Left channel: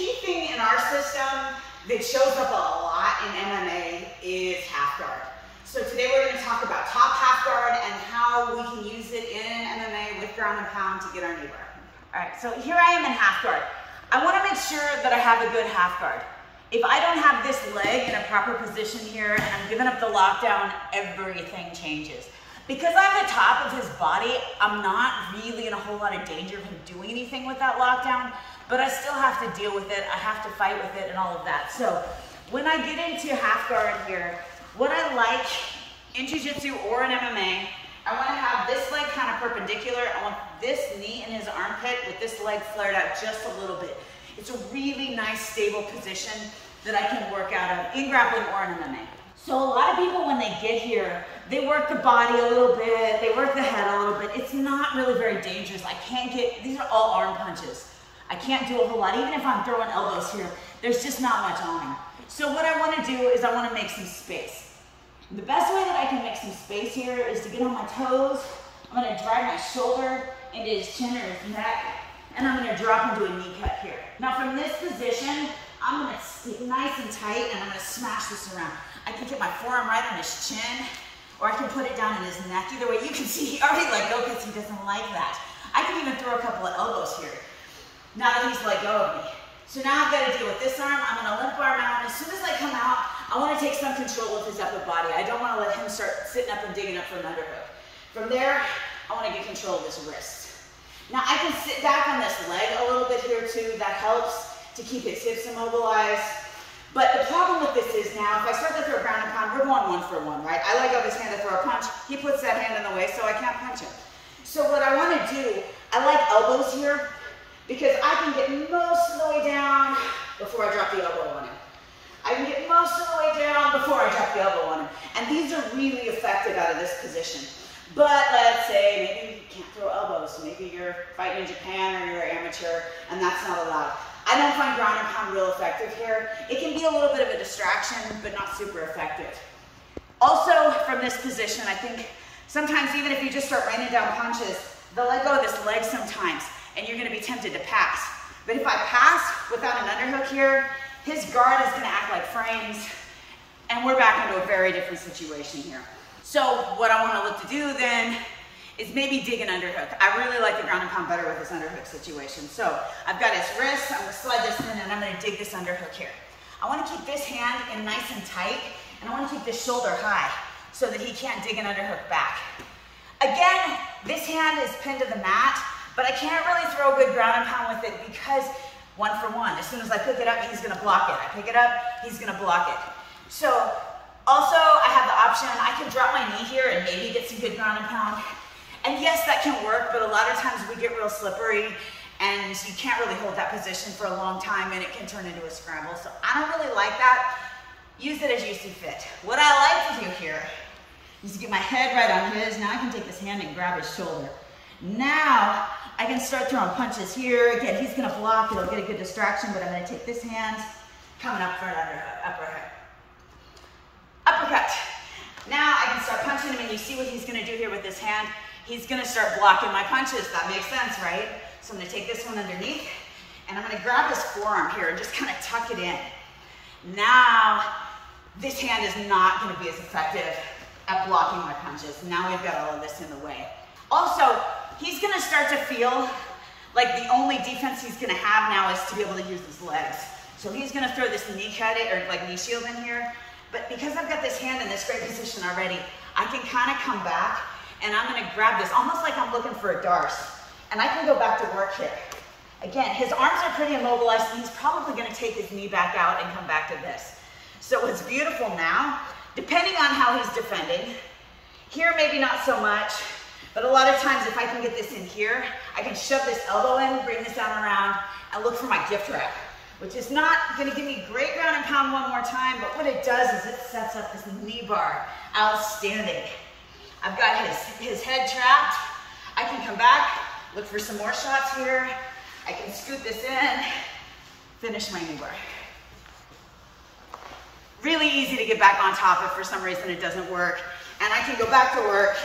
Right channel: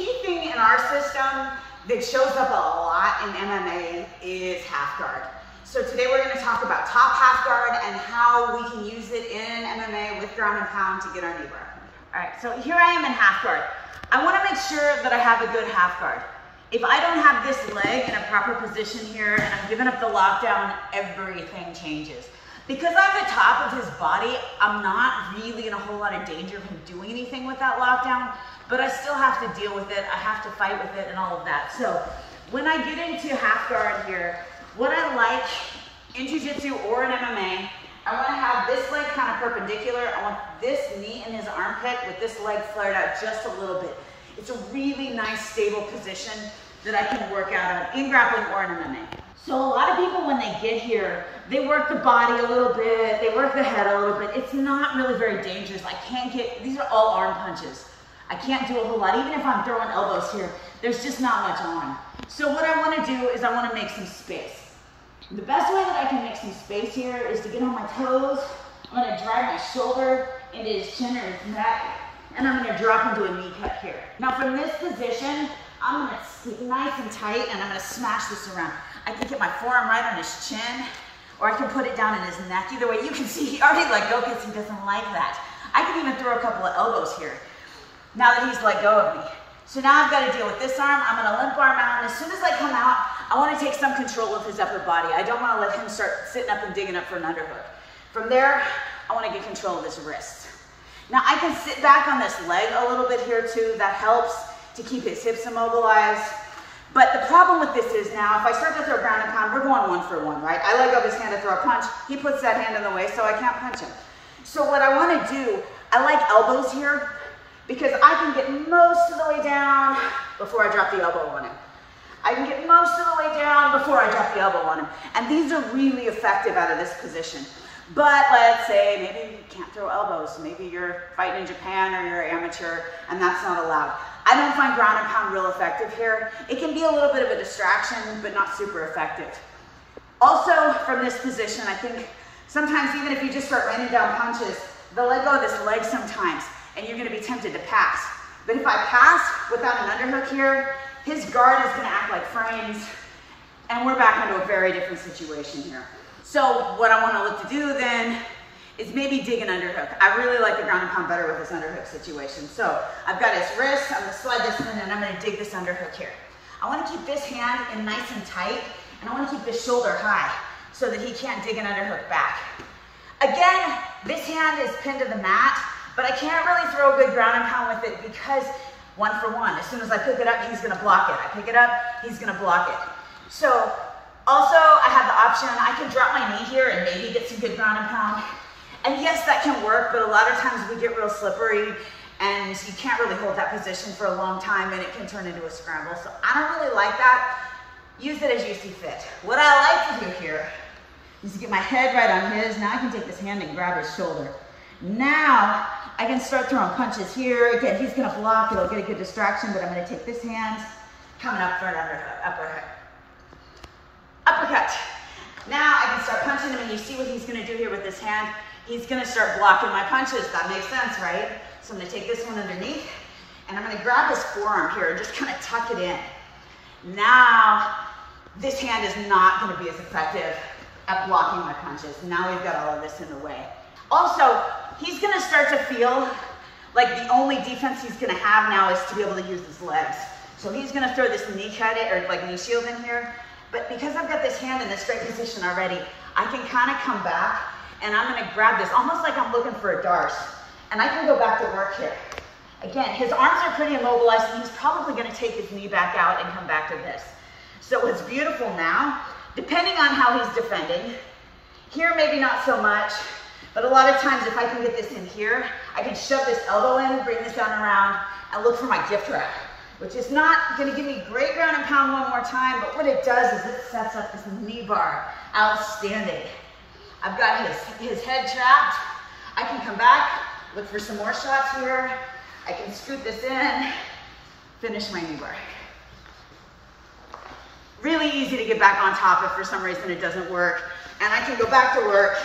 key thing in our system that shows up a lot in MMA is half guard. So today we're going to talk about top half guard and how we can use it in MMA with ground and pound to get our knee bar. All right, so here I am in half guard. I want to make sure that I have a good half guard. If I don't have this leg in a proper position here and I'm giving up the lockdown, everything changes. Because I'm the top of his body, I'm not really in a whole lot of danger of him doing anything with that lockdown, but I still have to deal with it. I have to fight with it and all of that. So when I get into half guard here, what I like in Jiu Jitsu or in MMA, I want to have this leg kind of perpendicular. I want this knee in his armpit with this leg flared out just a little bit. It's a really nice, stable position that I can work out of in grappling or in MMA. So a lot of people, when they get here, they work the body a little bit, they work the head a little bit. It's not really very dangerous. I can't get, these are all arm punches. I can't do a whole lot. Even if I'm throwing elbows here, there's just not much arm. So what I want to do is I want to make some space. The best way that I can make some space here is to get on my toes. I'm going to drive my shoulder into his chin or his neck, and I'm going to drop into a knee cut here. Now from this position, I'm going to stick nice and tight, and I'm going to smash this around. I can get my forearm right on his chin, or I can put it down in his neck. Either way, you can see he already let go because he doesn't like that. I can even throw a couple of elbows here now that he's let go of me. So now I've got to deal with this arm. I'm going to limp arm out, and as soon as I come out, I want to take some control of his upper body. I don't want to let him start sitting up and digging up for an underhook. From there, I want to get control of his wrists. Now I can sit back on this leg a little bit here too. That helps to keep his hips immobilized. But the problem with this is now, if I start to throw ground and pound, we're going 1 for 1, right? I let go of his hand to throw a punch. He puts that hand in the way, so I can't punch him. So what I want to do, I like elbows here because I can get most of the way down before I drop the elbow on him. I can get most of the way down before I drop the elbow on him. And these are really effective out of this position. But let's say maybe you can't throw elbows. Maybe you're fighting in Japan or you're amateur and that's not allowed. I don't find ground and pound real effective here. It can be a little bit of a distraction, but not super effective. Also, from this position, I think sometimes even if you just start raining down punches, they'll let go of this leg sometimes, and you're gonna be tempted to pass. But if I pass without an underhook here, his guard is gonna act like frames, and we're back into a very different situation here. So what I wanna look to do then is maybe dig an underhook. I really like the ground and pound better with this underhook situation. So I've got his wrist, I'm gonna slide this in, and I'm gonna dig this underhook here. I wanna keep this hand in nice and tight, and I wanna keep this shoulder high so that he can't dig an underhook back. Again, this hand is pinned to the mat, but I can't really throw a good ground and pound with it because 1 for 1. As soon as I pick it up, he's gonna block it. I pick it up, he's gonna block it. So also I have the option, I can drop my knee here and maybe get some good ground and pound. And yes, that can work, but a lot of times we get real slippery and you can't really hold that position for a long time and it can turn into a scramble. So I don't really like that. Use it as you see fit. What I like to do here is to get my head right on his. Now I can take this hand and grab his shoulder. Now I can start throwing punches here. Again, he's gonna block, it'll get a good distraction, but I'm gonna take this hand, coming up for an uppercut. Uppercut. Now I can start punching him, and you see what he's gonna do here with this hand. He's gonna start blocking my punches. That makes sense, right? So I'm gonna take this one underneath, and I'm gonna grab his forearm here and just kind of tuck it in. Now, this hand is not gonna be as effective at blocking my punches. Now we've got all of this in the way. Also, he's gonna start to feel like the only defense he's gonna have now is to be able to use his legs. So he's gonna throw this knee cut or like knee shield in here. But because I've got this hand in this great position already, I can kind of come back and I'm gonna grab this almost like I'm looking for a dart. And I can go back to work here. Again, his arms are pretty immobilized and he's probably gonna take his knee back out and come back to this. So what's beautiful now, depending on how he's defending, here maybe not so much, but a lot of times if I can get this in here, I can shove this elbow in, bring this down around, and look for my gift wrap, which is not gonna give me great ground and pound one more time, but what it does is it sets up this knee bar. Outstanding. I've got his head trapped. I can come back, look for some more shots here. I can scoot this in, finish my knee bar. Really easy to get back on top if for some reason it doesn't work. And I can go back to work,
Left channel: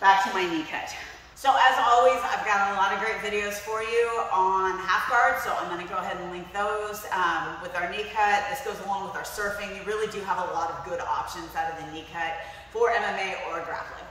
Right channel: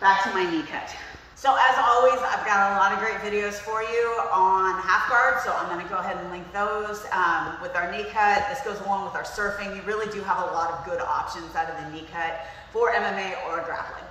back to my knee cut. So as always, I've got a lot of great videos for you on half guard, so I'm going to go ahead and link those. With our knee cut, this goes along with our surfing. You really do have a lot of good options out of the knee cut for MMA or grappling.